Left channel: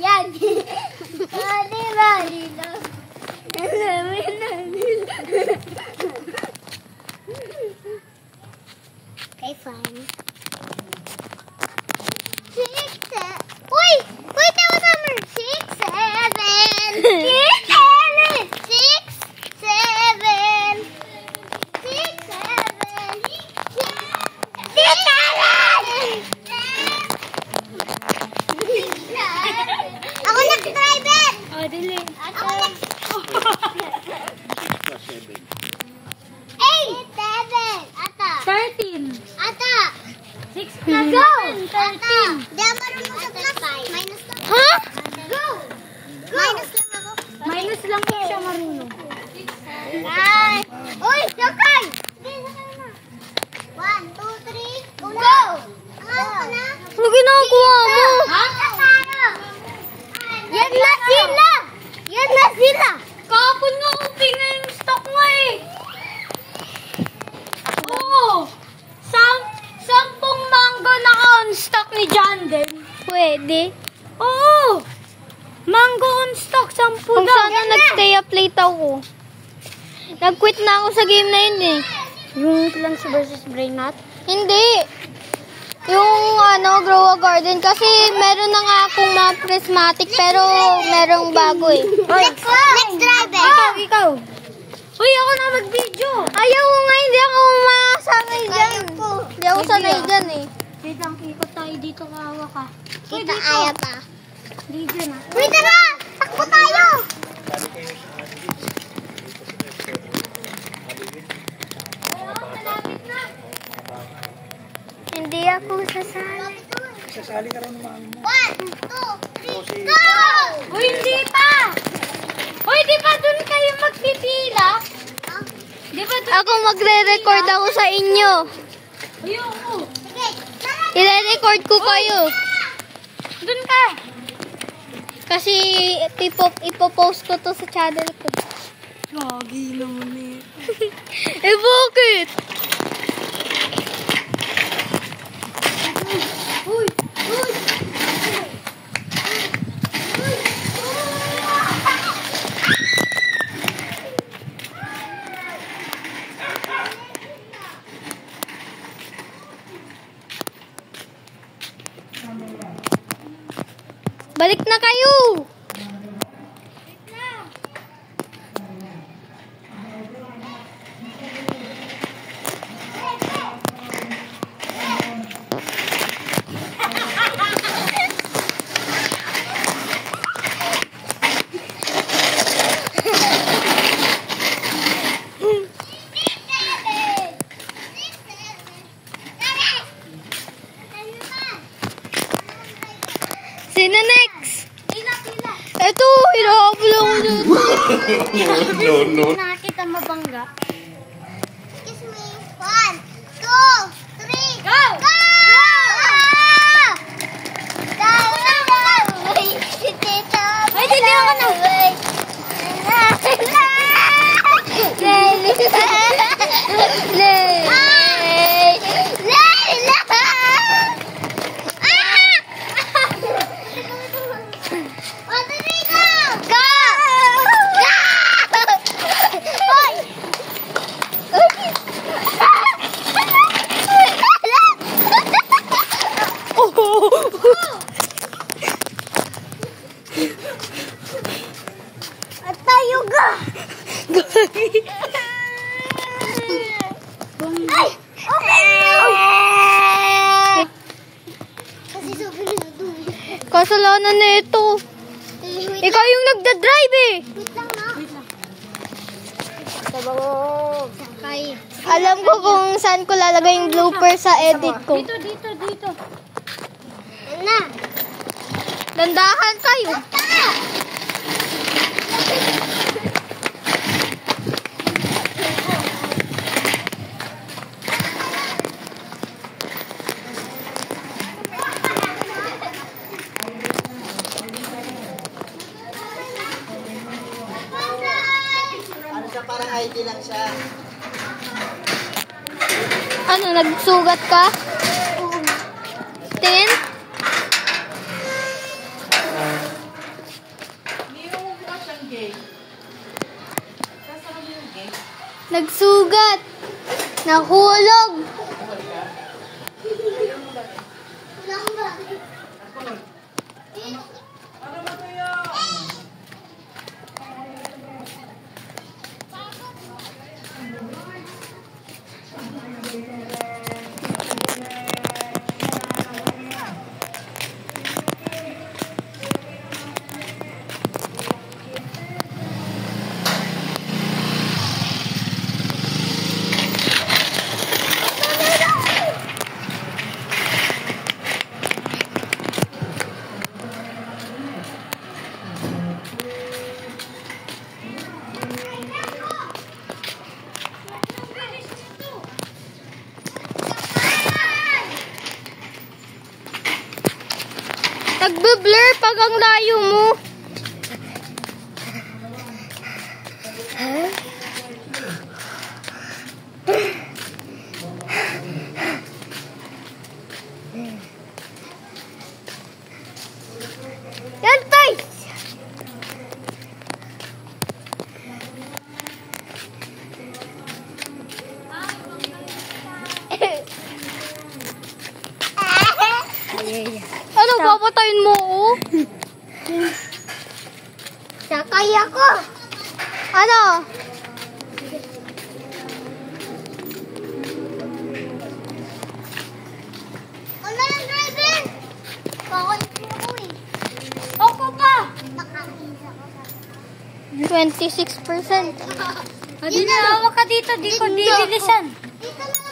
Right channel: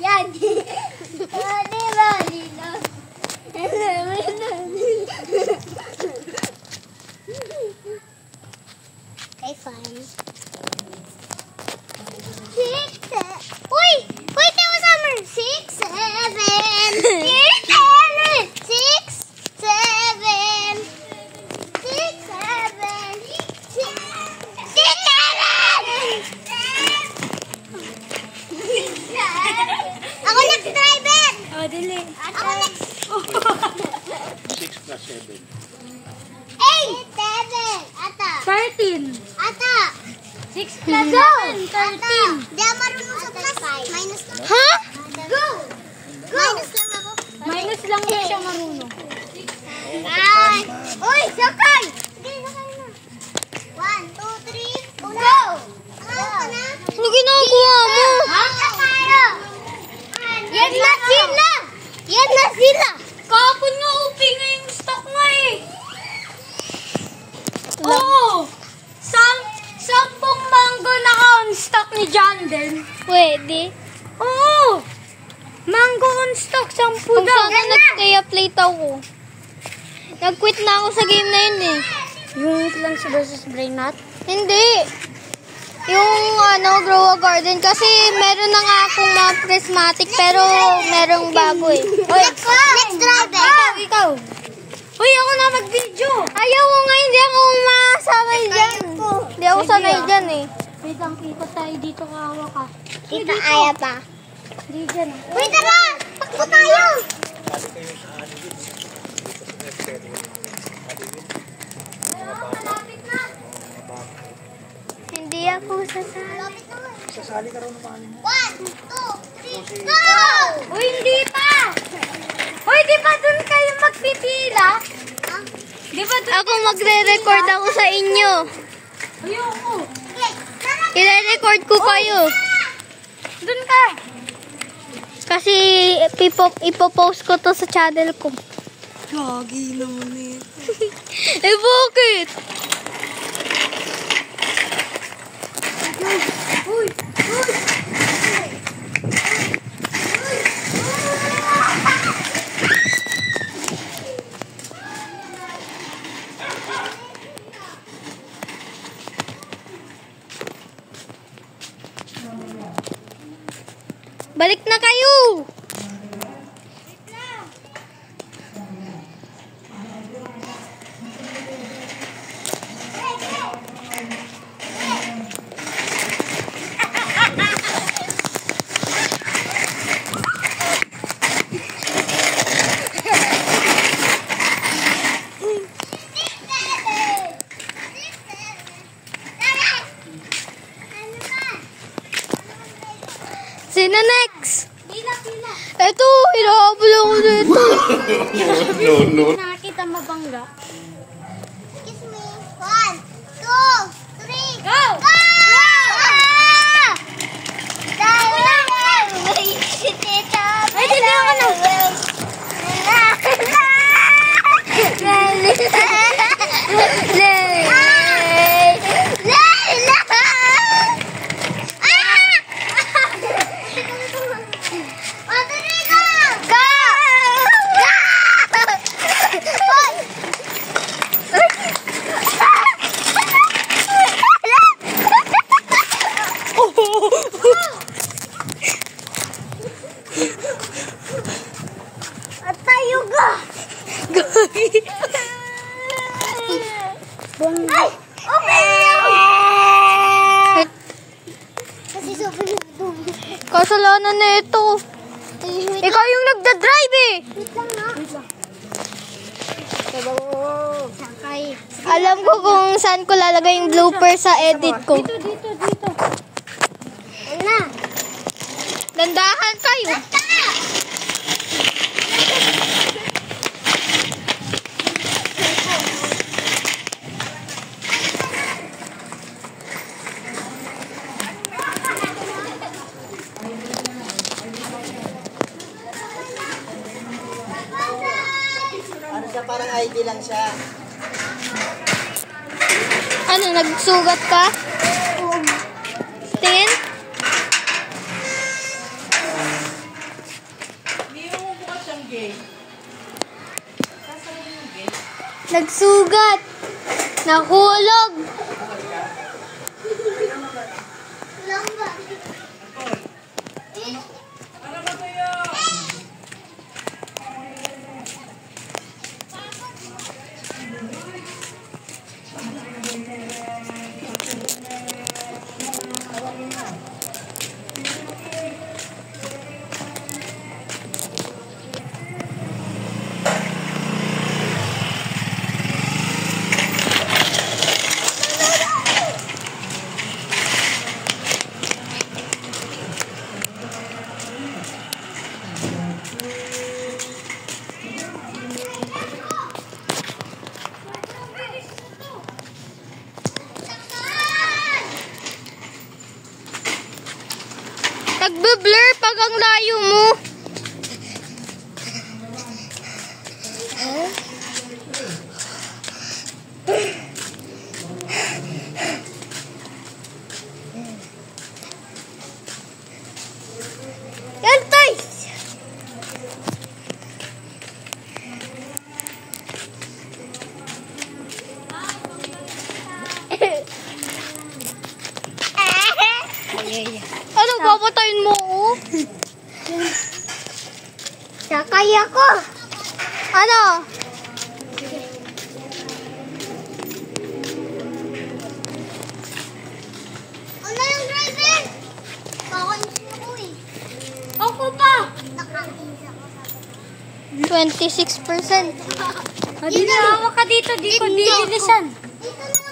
yan. Okay, fine. 6, 7. Uy! Wait, that was number 6, 7. 6, 7. 6, 7. 6, 7. Ako nag-driver! Oh, dili. Ako nag... 6 plus 7. 8, 7. Ata. 13. Ata. 6 plus Go! 7, 13. Di ako marunong sa plus. Minus lang. Ha? Go! Minus lang ako. Minus lang po siya marunong. Ay! Uy! Sakay! Sige, sakay na. 1, 2, 3, go! Ano ka na? Ano ginagawa mo? Ha? Tayo! Yan na sila! Yan na sila! Kahapon nga upi nga yung stock mo eh. Oo. 10 mango na on stock ni John din. Pwede. Oo. Mango on stock, 10 Kung daw. sana nag-stay up late ako. Nag-quit na ako sa game na yun eh. Yung Plants versus Brainot? Hindi. Yung Grow a Garden. Kasi meron na nga akong mga prismatic pero merong bago eh. Next driver! Ikaw. Uy, ako na mag-video. Ayaw ko nga, hindi ako masama dyan. Hindi ako sanay dyan eh. Wait lang, ikot tayo dito kahawa ka. Kita kaya pa. Di dyan ah. Uy, tara! Takbo tayo! Hindi ako sasali. Sasali ka raw ng mga mo. 1, 2, 3, go! Uy, hindi pa! Uy, di ba dun kayo magpipila? Di ba dun? Ako magre-record ako sa inyo. Ayoko. I-record ko kayo. Dun ka. Kasi ipopost ko to sa channel ko. Gagi naman eh. Eh bakit? Uy! Uy! Balik na kayo! Sino next? Pila. Ito, hinahabol ako dito. No. Nakakita mabangga. Excuse me. 1, 2, 3, Go! go! Ay, hindi ako na. At tayo ga! Ay! Okay! Kasi sobrang dumi. Kasalanan na ito. Wait Ikaw yung nagda-drive eh. lang na. Sakay. Alam ko kung saan ko lalagay yung blooper sa edit ko. Dito. Ayun na. Dandahan kayo. Ano siya, parang ID lang siya. Ano, nagsugat ka? 10? Nagsugat. Nahulog. Nagbe-blur pag ang layo mo. Yan, guys. Ano, papatayin mo oh? Sakay ako. Ano? Ano yung driver? Kakainsin ako eh. Ako pa! Nakakainis ako. 26%. Hindi na, hawak ka dito. Di ko dibilisan. Dito na